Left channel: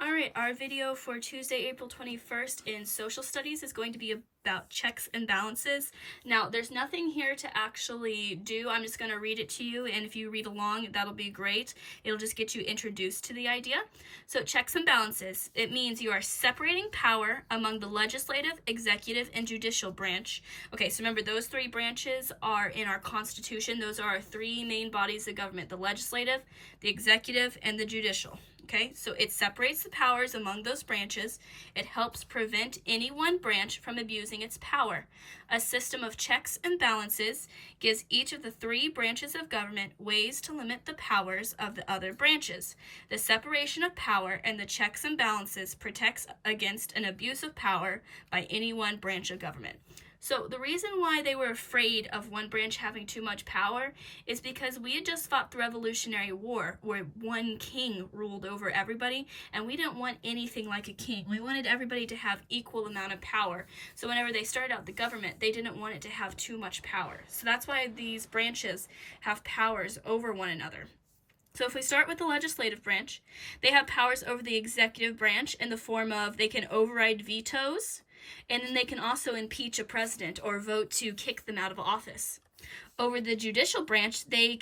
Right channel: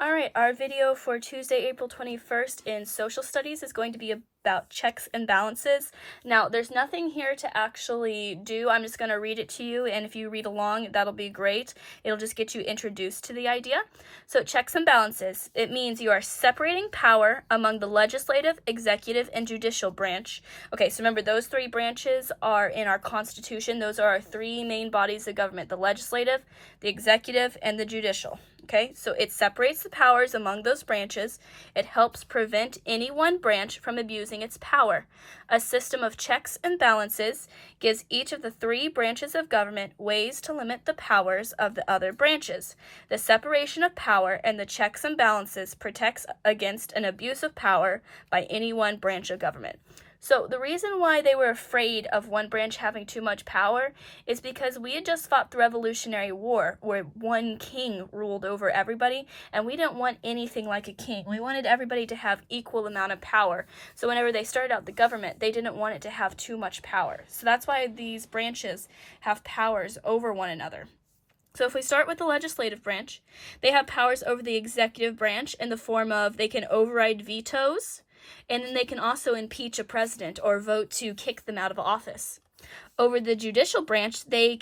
All right, our video for Tuesday, April 21st in social studies is going to be about checks and balances. Now, there's nothing here to actually do. I'm just going to read it to you, and if you read along, that'll be great. It'll just get you introduced to the idea. So, checks and balances, it means you are separating power among the legislative, executive, and judicial branch. Okay, so remember, those three branches are in our Constitution. Those are our three main bodies of government: the legislative, the executive, and the judicial. Okay, so it separates the powers among those branches. It helps prevent any one branch from abusing its power. A system of checks and balances gives each of the three branches of government ways to limit the powers of the other branches. The separation of power and the checks and balances protects against an abuse of power by any one branch of government. So the reason why they were afraid of one branch having too much power is because we had just fought the Revolutionary War where one king ruled over everybody, and we didn't want anything like a king. We wanted everybody to have equal amount of power. So whenever they started out the government, they didn't want it to have too much power. So that's why these branches have powers over one another. So if we start with the legislative branch, they have powers over the executive branch in the form of they can override vetoes, and then they can also impeach a president or vote to kick them out of office. Over the judicial branch, they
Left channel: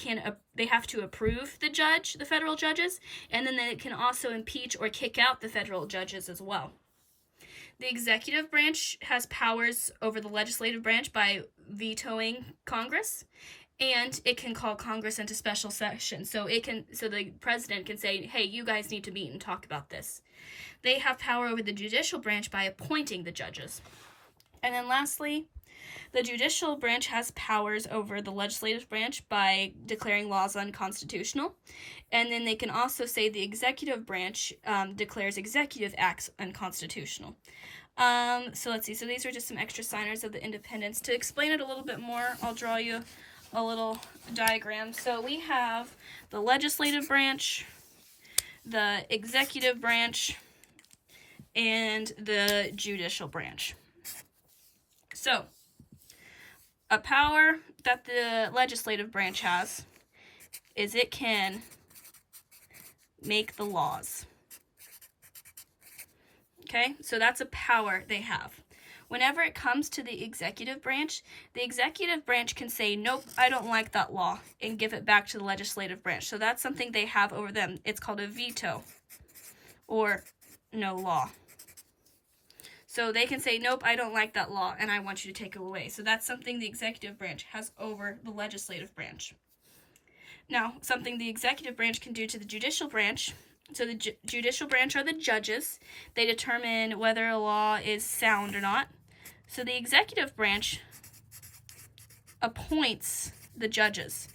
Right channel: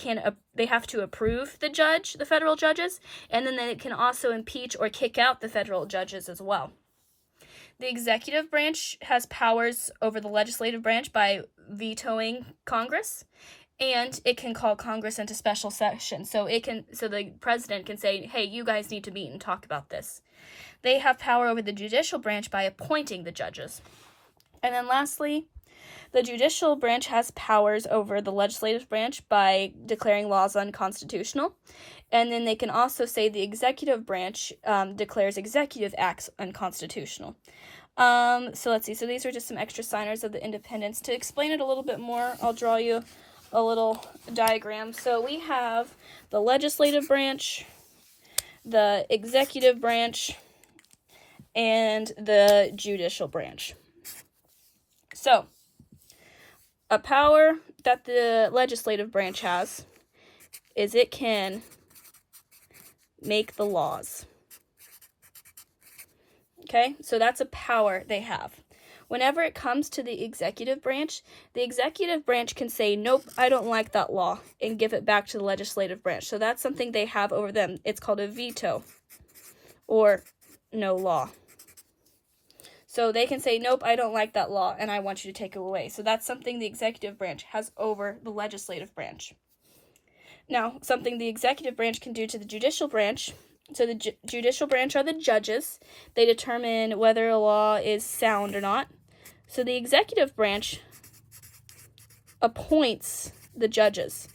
have to approve the federal judges, and then they can also impeach or kick out the federal judges as well. The executive branch has powers over the legislative branch by vetoing Congress, and it can call Congress into special session. So the president can say, "Hey, you guys need to meet and talk about this." They have power over the judicial branch by appointing the judges. And then lastly, the judicial branch has powers over the legislative branch by declaring laws unconstitutional. And then they can also say the executive branch declares executive acts unconstitutional. So let's see. So these are just some extra signers of the independence. To explain it a little bit more, I'll draw you a little diagram. So we have the legislative branch, the executive branch, and the judicial branch. So, a power that the legislative branch has is it can make the laws. Okay, so that's a power they have. Whenever it comes to the executive branch can say, "Nope, I don't like that law," and give it back to the legislative branch. So that's something they have over them. It's called a veto, or no law. So they can say, "Nope, I don't like that law, and I want you to take it away." So that's something the executive branch has over the legislative branch. Now, something the executive branch can do to the judicial branch. So the judicial branch are the judges. They determine whether a law is sound or not. So the executive branch appoints the judges.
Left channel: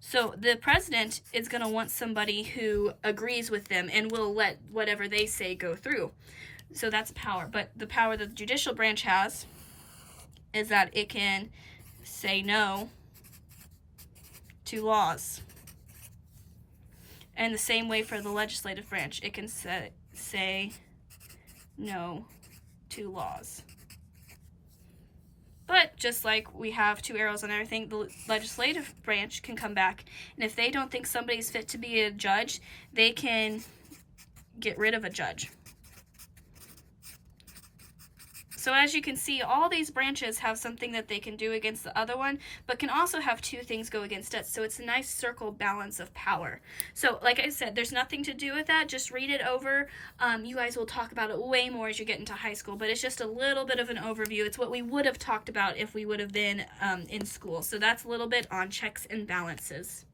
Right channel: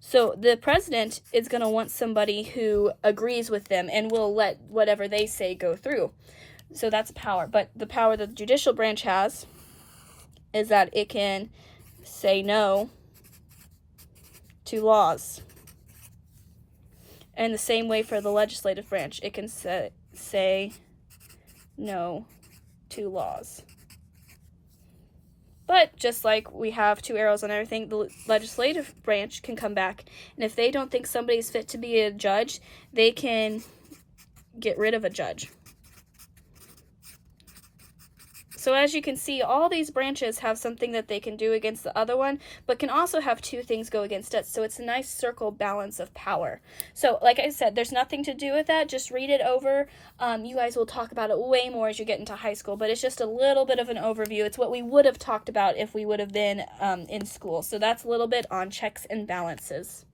So the president is going to want somebody who agrees with them and will let whatever they say go through. So that's power. But the power that the judicial branch has is that it can say no to laws. And the same way for the legislative branch, it can say no to laws. But just like we have two arrows on everything, the legislative branch can come back, and if they don't think somebody's fit to be a judge, they can get rid of a judge. So as you can see, all these branches have something that they can do against the other one, but can also have two things go against it. So it's a nice circle balance of power. So like I said, there's nothing to do with that. Just read it over. You guys will talk about it way more as you get into high school, but it's just a little bit of an overview. It's what we would have talked about if we would have been in school. So that's a little bit on checks and balances.